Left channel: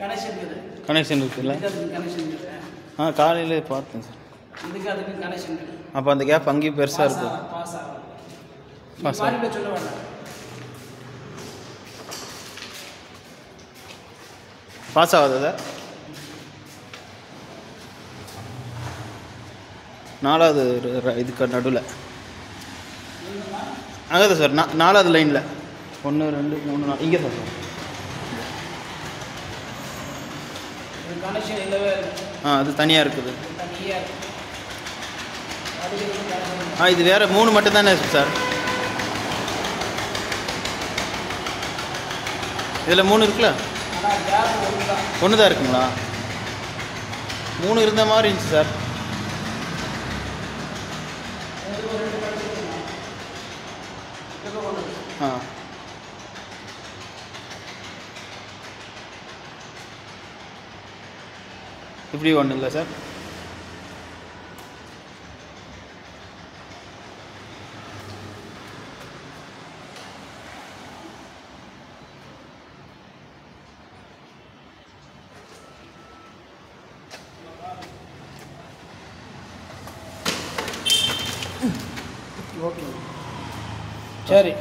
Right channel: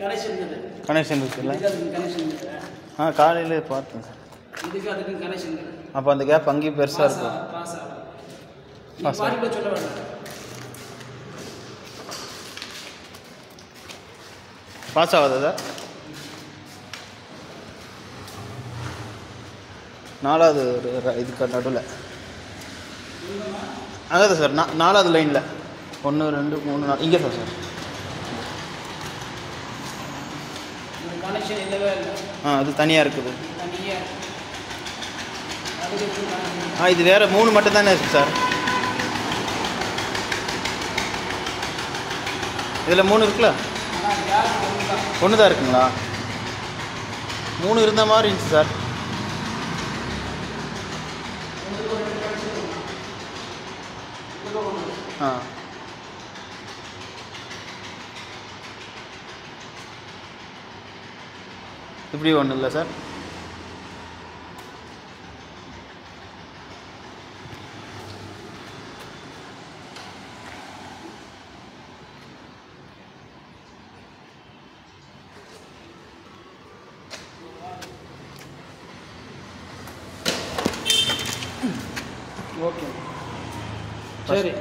Connection இருக்குல்ல? காலையிலே பார்த்தேன் சார். அப்போ அந்த கேப் அங்கேயும் பெருசாக இருக்கும். பாஸ் ஆகுதா சார்? 4வது இதுக்கு நடுவில் அங்கே சார் 4வது லைனில் 1 2 3 4 இங்கே சார். அது தனியாக இருக்குது. இது வேறு 3 மட்டும் தானே இருக்குது சார். இதில் 3 இருக்குல்ல? 1 தான் இருக்குங்களா? 3 இருந்த மாதிரி இருந்துச்சு சார். இப்படி ஒன்றும் இல்லை சார். ஓகே சரி.